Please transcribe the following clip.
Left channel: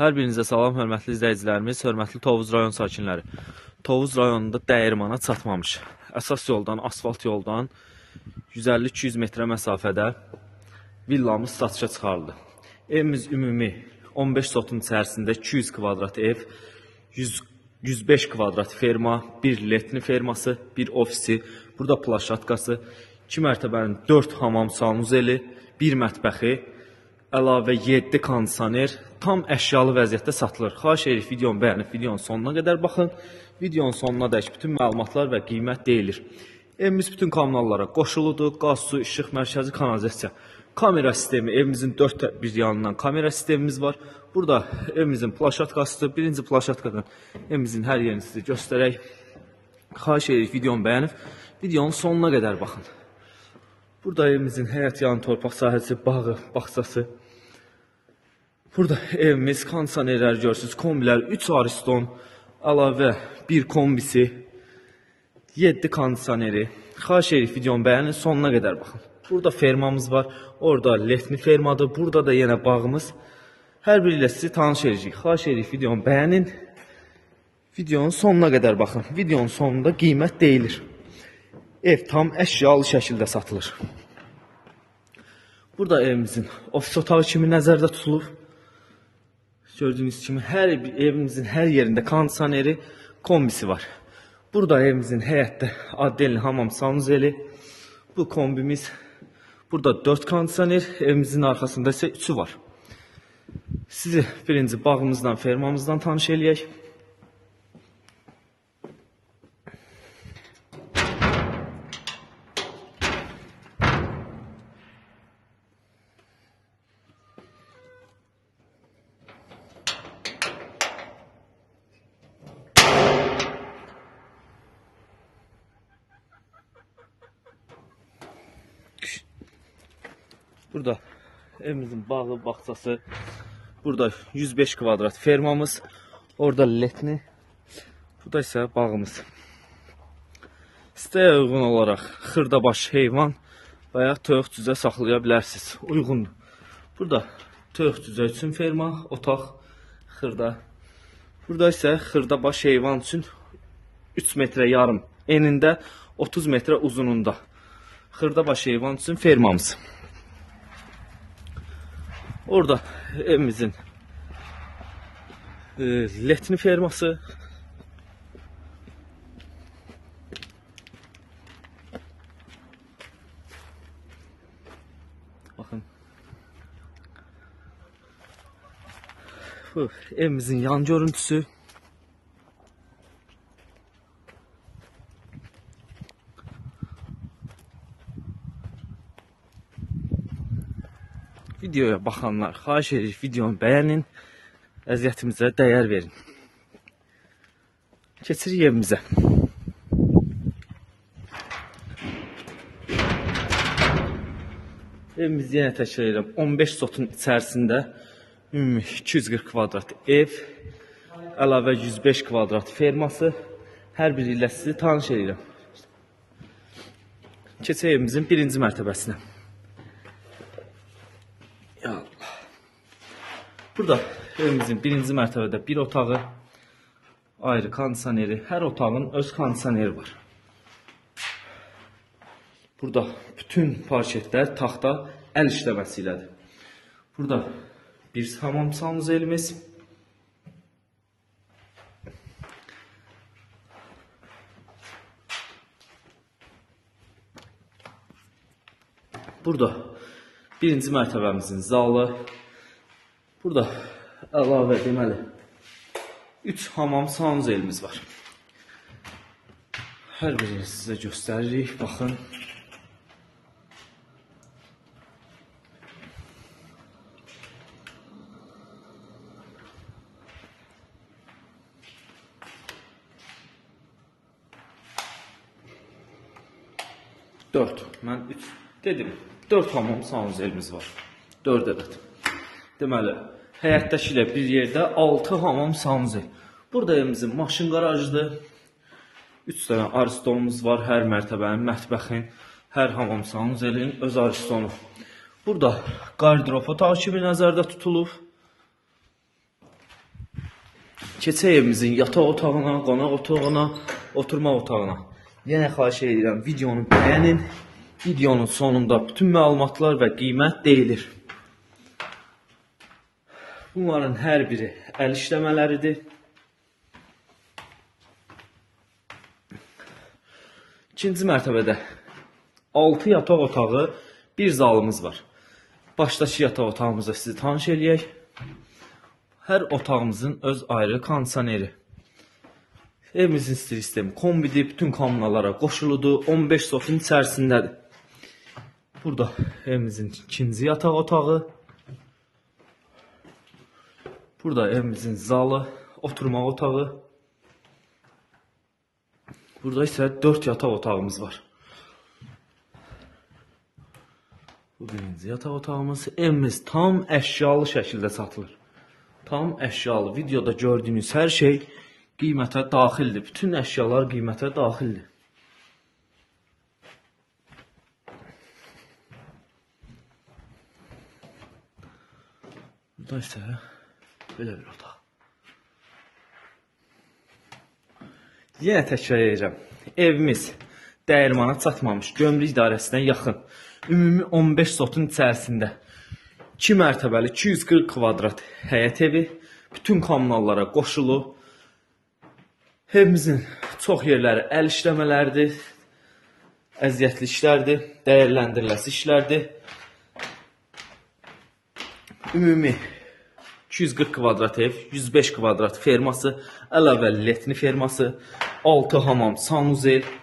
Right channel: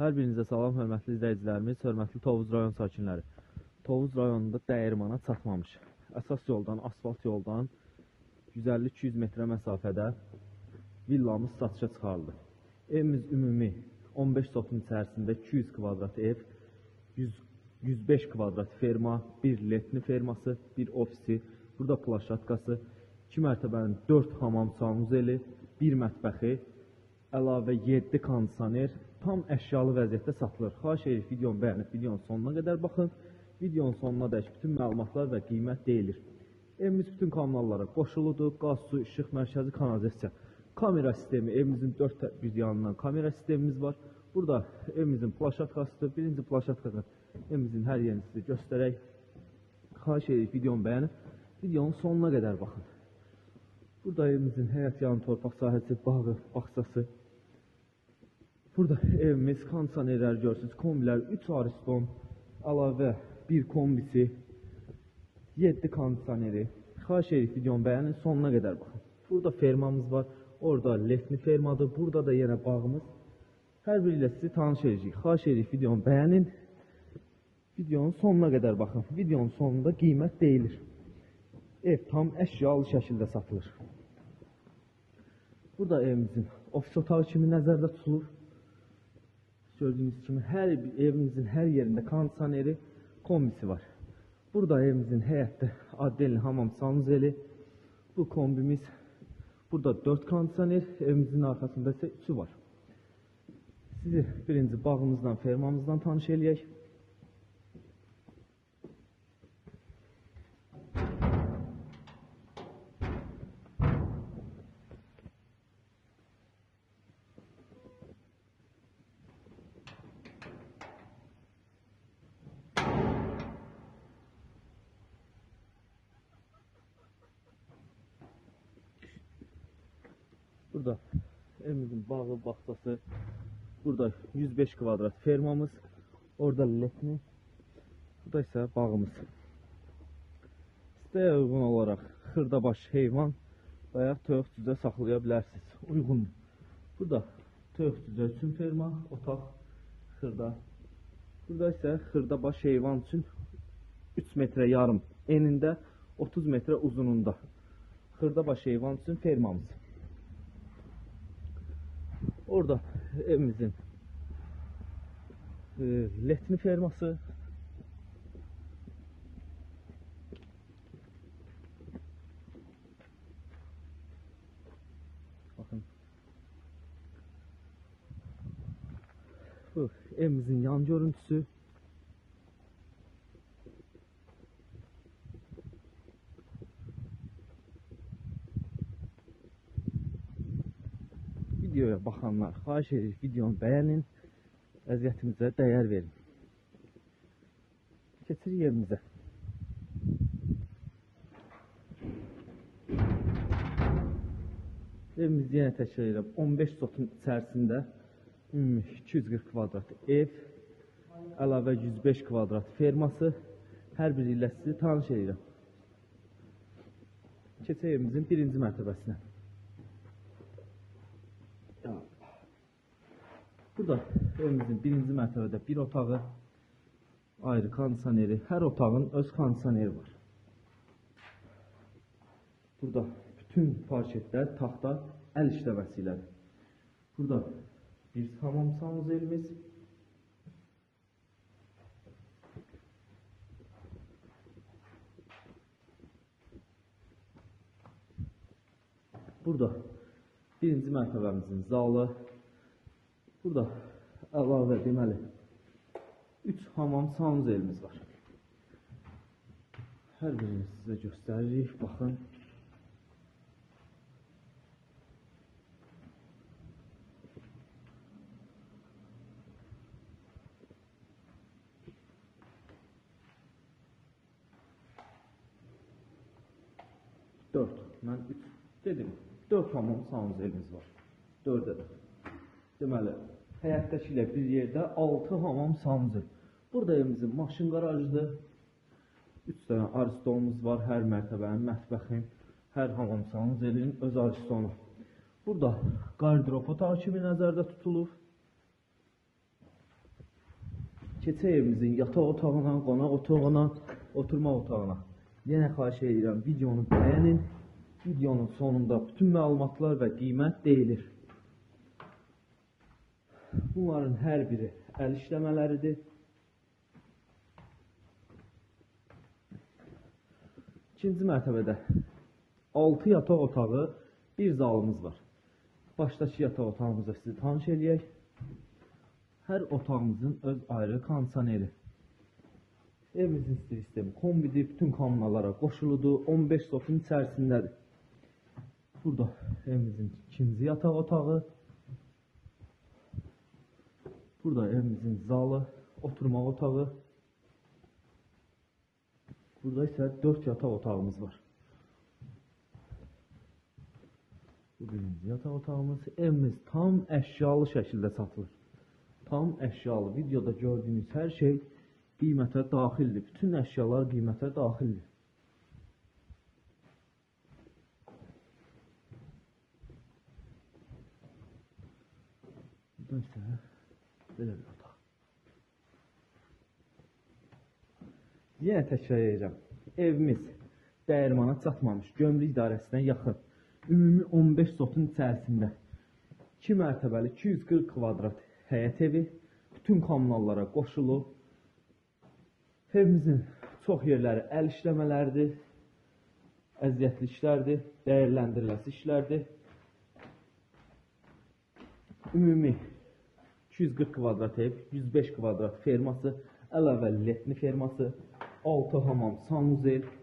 Hər birinizə salam, hörmətli izləyicilərimiz, hörmətli Tovuz rayon sakinləri. Tovuz rayonunda dəyirmana çatmamış, əsas yoldan, asfalt yoldan 150-200 metrə məsafədə villamız satışa çıxarıldı. Evimiz ümumi 15 sotun içərisində 200 kvadrat ev, 105 kvadrat ferma, bir letni ferması, bir ofisi, burada plaşatkası, 2 mərtəbənin 4 hamam sanuzeli, 1 mətbəxi, əlavə 7 kondisioner tam əşyalı vəziyyətdə satılır. Xahiş edirik videonu bəyənib videonun sonuna qədər baxın. Videonun sonuna dək bütün məlumatlar və qiymət deyilir. Evimiz bütün kommunallara qoşuludur. Qaz, su, işıq, mərkəzi kanalizasiya, kamera sistemi, evimizin 4 bir yanından kamera sistemimiz var. Burada evimizin plaşatkasıdır. Birinci plaşatkadan evimizin hər yerini sizə göstərək. Xahiş edirik videonu bəyənib videonun sonuna qədər baxın. Burada evimizin həyət yanı torpaq sahəsi, bağı, bağçası. Burada evimiz, kondisionerlər görürsünüz, kombilər, 3 ariston, əlavə 1 kombisi, 7 kondisioneri. Xahiş edirik videonu bəyənin, sonuna qədər baxın. Burada fermamız var, orada letni fermadır, burada da yenə bağımız. Hər biri ilə sizi tanış edəcəyik. Xahiş edirik videonu bəyənin, videonun sonuna qədər baxın. Videonun sonunda qiymət deyilir. Ev tam əşyalı şəkildə satılır. Burada evimizin ofis otağı kimi nəzərdə tutulur. Gördüyünüz kimi evimizin hər yerində kondisioneri, kombisi var. Burada evimizin həyətdə addelli hamam sanuzeli. Bu kombimiz. Burada 4 kondisioner, evimizin arxasında isə 3'ü var. Sizi birinci bağımızdan, fermamızdan tanış eləyək. Burada evimizin bağı, bağçası, burada 105 kvadrat fermamız, orada letni, burada ise bağımız. İstəyə uyğun olaraq xırdabaş heyvan və ya toyuq cüzə saxlaya bilərsiniz. Uyğundur. Burada toyuq cüzə üçün ferma, otaq, xırda. Burada ise xırdabaş heyvan üçün 3 metrə yarım enində, 30 metrə uzununda. Xırdabaş heyvan üçün fermamız. Orada evimizin letni ferması. Bakın. Bu evimizin yan görüntüsü. Videoya baxanlar, xahiş edirik videonu bəyənin, əziyyətimizə dəyər verin. Keçirik evimizə. Evimiz yenə təkrar edirəm, 15 sotun içərisində ümumi 240 kvadrat ev, əlavə 105 kvadrat ferması, hər biri ilə sizi tanış edirəm. Keçək evimizin birinci mərtəbəsinə. Burada evimizin birinci mərtəbədə bir otağı, ayrı kondisioneri, hər otağın öz kondisioneri var. Burada bütün parketlər taxta əl işləməsi ilədir. Burada bir hamam sanuzelimiz. Burada birinci mərtəbəmizin zalı. Burada əlavə deməli 3 hamam sanuzelimiz var. Hər birini sizə göstəririk, baxın. Mən 3 dedim. 4 hamam sanuzelimiz var. 4 ədəd. Deməli, həyətdəki ilə bir yerdə 6 hamam sanuzel. Burada evimizin maşın qarajıdır. 3 dənə aristonumuz var. Hər mərtəbənin, mətbəxin, hər hamam sanuzelin öz aristonu. Burada qardırop otağı kimi nəzərdə tutulub. Keçək evimizin yataq otağına, qonaq otağına, oturma otağına. Yenə xahiş edirəm, videonu bəyənin. Videonun sonunda bütün məlumatlar və qiymət deyilir. Bunların hər biri əl işləmələridir. İkinci mərtəbədə 6 yataq otağı, bir zalımız var. Başdakı yataq otağımızda sizi tanış eləyək. Hər otağımızın öz ayrı kondisioneri. Evimizin sistemi kombidir, bütün kommunalara qoşuludur, 15 sotun içərisindədir. Burada evimizin ikinci yataq otağı. Burada evimizin zalı, oturma otağı. Burada isə 4 yataq otağımız var. Bu birinci yataq otağımız. Evimiz tam əşyalı şəkildə satılır. Tam əşyalı. Videoda gördüyünüz hər şey qiymətə daxildir. Bütün əşyalar qiymətə daxildir. Burada isə belə bir otaq. Yenə təkrar edəcəm. Evimiz dəyirmana çatmamış, gömrük idarəsinə yaxın. Ümumi 15 sotun içərisində 2 mərtəbəli 240 kvadrat həyət evi, bütün kommunallara qoşulu. Evimizin çox yerləri əl işləmələridir, əziyyətli işlərdir, dəyərləndiriləsi işlərdir. Ümumi 240 kvadrat ev, 105 kvadrat ferması, əlavə letni ferması, 6 hamam, sanuzel,